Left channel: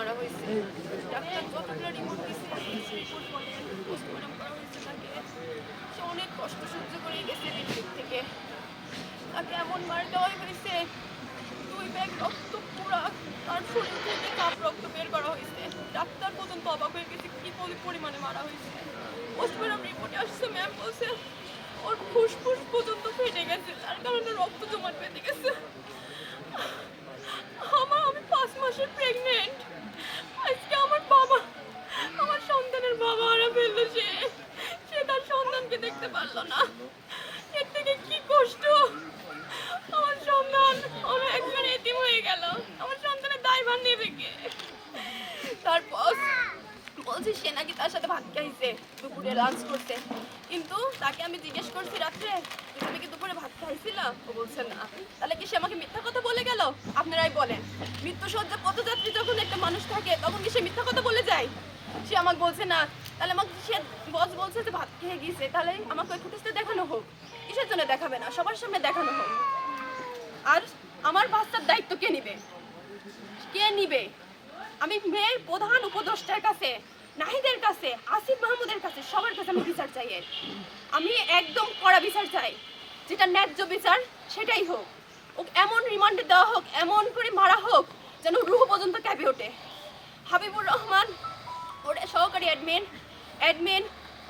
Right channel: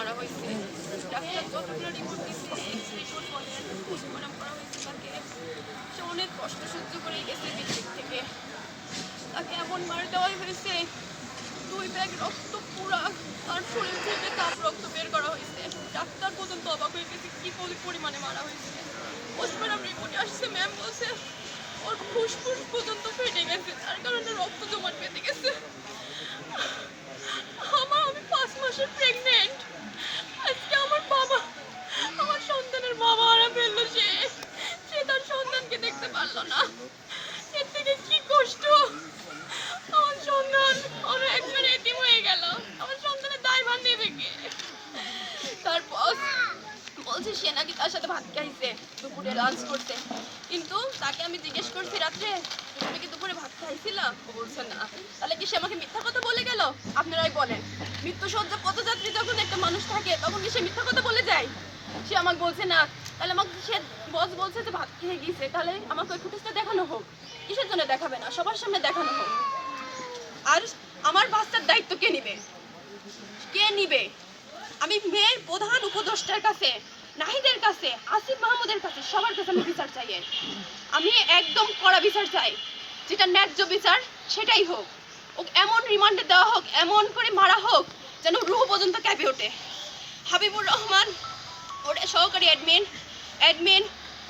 মারা হয়েছে। ডাক্তার যতগুলো রিপোর্ট দিছে রিপোর্ট বলেন পোস্টমর্টম করা হয়েছে তাকে। সে অনেক কষ্ট সহ্য করে গেছে দিল্লির থেকে। তাকে এমন মার দেওয়া হয়েছে, দুই ব্যাগ রক্ত পুরা তার শরীর থেকে কাপ রক্ত বের করা হয়েছে। ডাক্তার পর্যন্ত অবাক হয়ে গেছে, কি পরিমাণে মারা হয়েছে। পোস্টমর্টম রিপোর্টে আসছে ম্যাম বলছে, ওর ফুসফুস পর্যন্ত ফেটে নাকি তার সাথে ভাত খাইছে, দুপুরে লাঞ্চ করতে কিন্তু তাকে আমি জিজ্ঞেস করছি রাত্রে, তুমি কি দুপুরে ভাত খাইছিলা? ও বলছে, না। তাহলে কি সে আমাকে মিথ্যা কথা বলে গেল? আপনারাই বলেন। মৃত্যু সজ্জা পথযাত্রী যখন একটা মানুষ থাকে, তখন কি সে মিথ্যা কথা বলে যায়? সে আমাকে বলছে, না। তাহলে আমাকে সে বস বলছে যে, ভাত খেয়ে গিয়েছে তাহলে আমাকে ওই ফুটেজটা দেখানো হোক। কিসের জন্য দেখাবে না? সবার সামনে দেখানো হোক। আর আমার বাচ্চার দায়িত্ব কে নিবে? কে নিবে? আমি মেয়ের প্রধান উপদেষ্টার কাছে নাহিদের কাছে, আসিফ মাহমুদের কাছে, সবার কাছে আমি বিচার চাই আমি একদম কড়া বিচার চাই। যেটা ন্যায্য বিচার, সেটাই হোক। ও এমন রিমান্ডে দেওয়া হোক, এমন করে মারা হোক, যেন রুহ পর্যন্ত ক্যাপে ওঠে। হাবিবুর রহমান, ওর সহকারী অ্যাডমিন অ্যাডমিন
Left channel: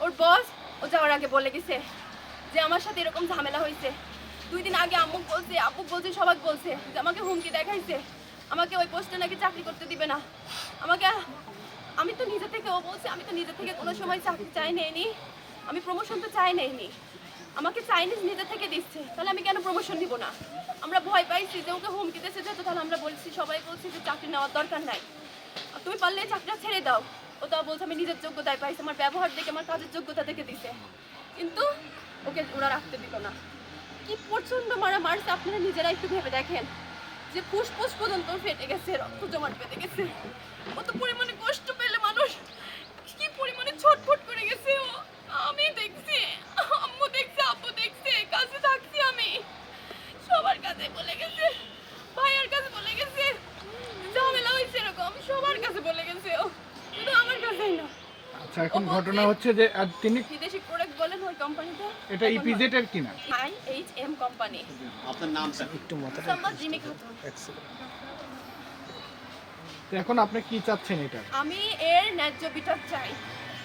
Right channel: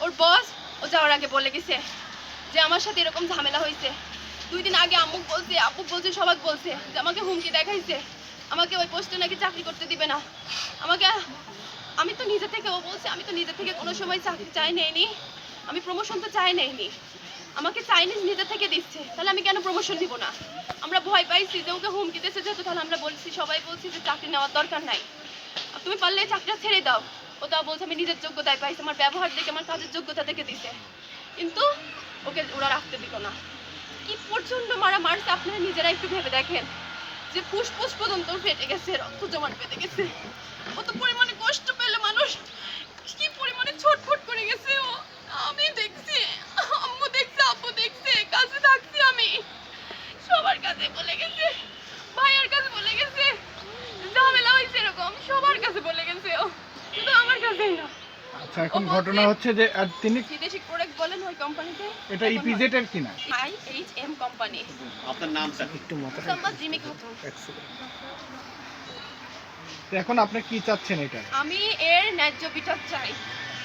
ওর বস ও যাওয়ার আগে বলে গেছে যে আমার সাথে এরকম ঝামেলা হয়েছে। দুই দিন আগে আম্মুক বলছে আব্বুক বলছে, সবাক বলছে যে আমাকে হুমকি দেখাইছে। আমাকে ওই পোস্টে নাকি চাকরি করতে দিবে না। আমাকে, আমি তো নিজে থেকে ও বলছে, আমি তো নিজে থেকে কোনো সময় চাকরি চাই নেইনি। আমি প্রমোশন তো চাই নেইনি। আমাকে চাইনিজ নিজে থেকে দিচ্ছে, তাহলে আমি কেন প্রমোশন দিব না? আমরা ভয় পাইছি যে ওকে হুমকি দিচ্ছে যেহেতু, তাহলে আমরা বলছি, সবাই বলছি যে চাকরি নেওয়ার দরকার নাই। তুমি পারলে চাকরিটা ছেড়ে দাও। ও তা বলছে, আমি নিজের যোগ্যতায় পাইছি, আমার ব্যবহার দেখে, আমার কাজের যোগ্যতা দেখে দিছে। কিন্তু ওকে ওরা রাখতে দিল না। কি প্রচণ্ড মারা মারছে আপনারা নিজেরা একটু ভেবে দেখেন। যে ফুসফুস পর্যন্ত ফেটে গেছে, রক্ত জমাট বেঁধে গেছে। কত পরিমাণে কষ্ট পেলে মানুষ, কি পরিমাণে ছটফট করে গেছে ও। আমি দেখছি, আম্মু দেখছে, আব্বু দেখছে, কাছে থাকছি আমি। সবার কাছে বলে গেছে, ভাইয়ার কাছে বলে গেছে, ঝামেলা হয়েছে এরকম, সবার কাছে বলে গেছে ও। শুধু আমার কাছেই না। আচ্ছা এখন ঘটনা হচ্ছে যে আহ, তিনি বিদেশি প্রোডাক্ট বলেন ওই কোম্পানিতে? এটা ইপিজেড এর কিনা? I H M company. আপনার নামটা? মোসাম্মদ জিমি খাতুন। এখন আপনি কি চাচ্ছেন এটা? আমি এর ন্যায্য বিচার চাই।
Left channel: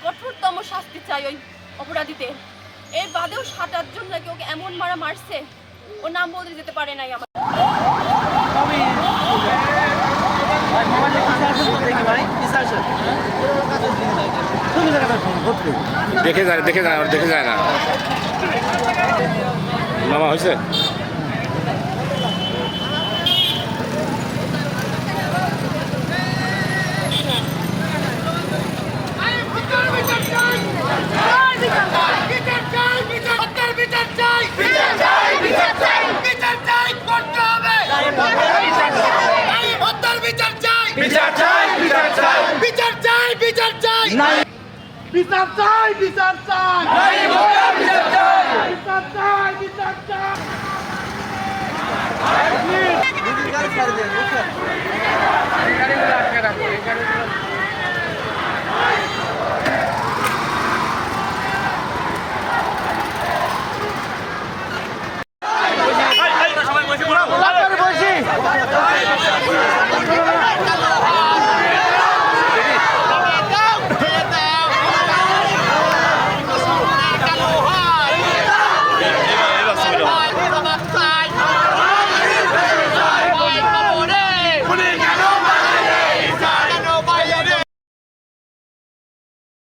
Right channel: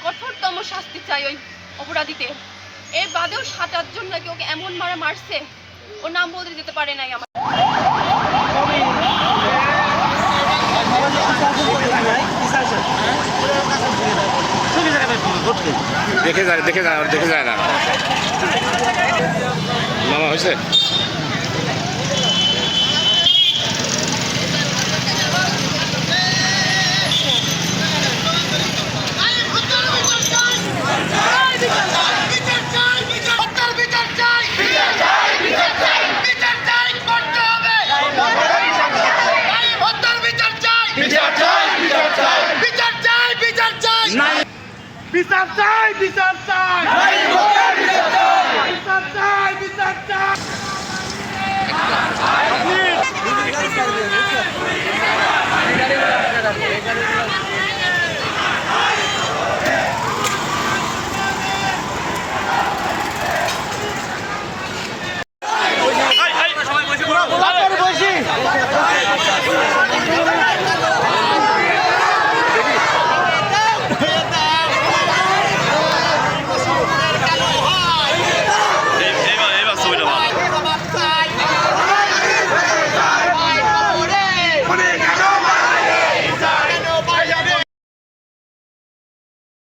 কঠোরতম শাস্তি চাই ওই অপরাধীদের এর বাদেও সাত আটজন নাকি ওকে এমন মারা মারছে ওর নাম বলতে যেতে পারে নাই আমার। দেখে যায় দেখে যায় আর দেখে যায় না মামা হয়েছে বিচার চাই বিচার চাই বিচার চাই বিচার চাই বিচার চাই বিচার চাই বিচার চাই বিচার চাই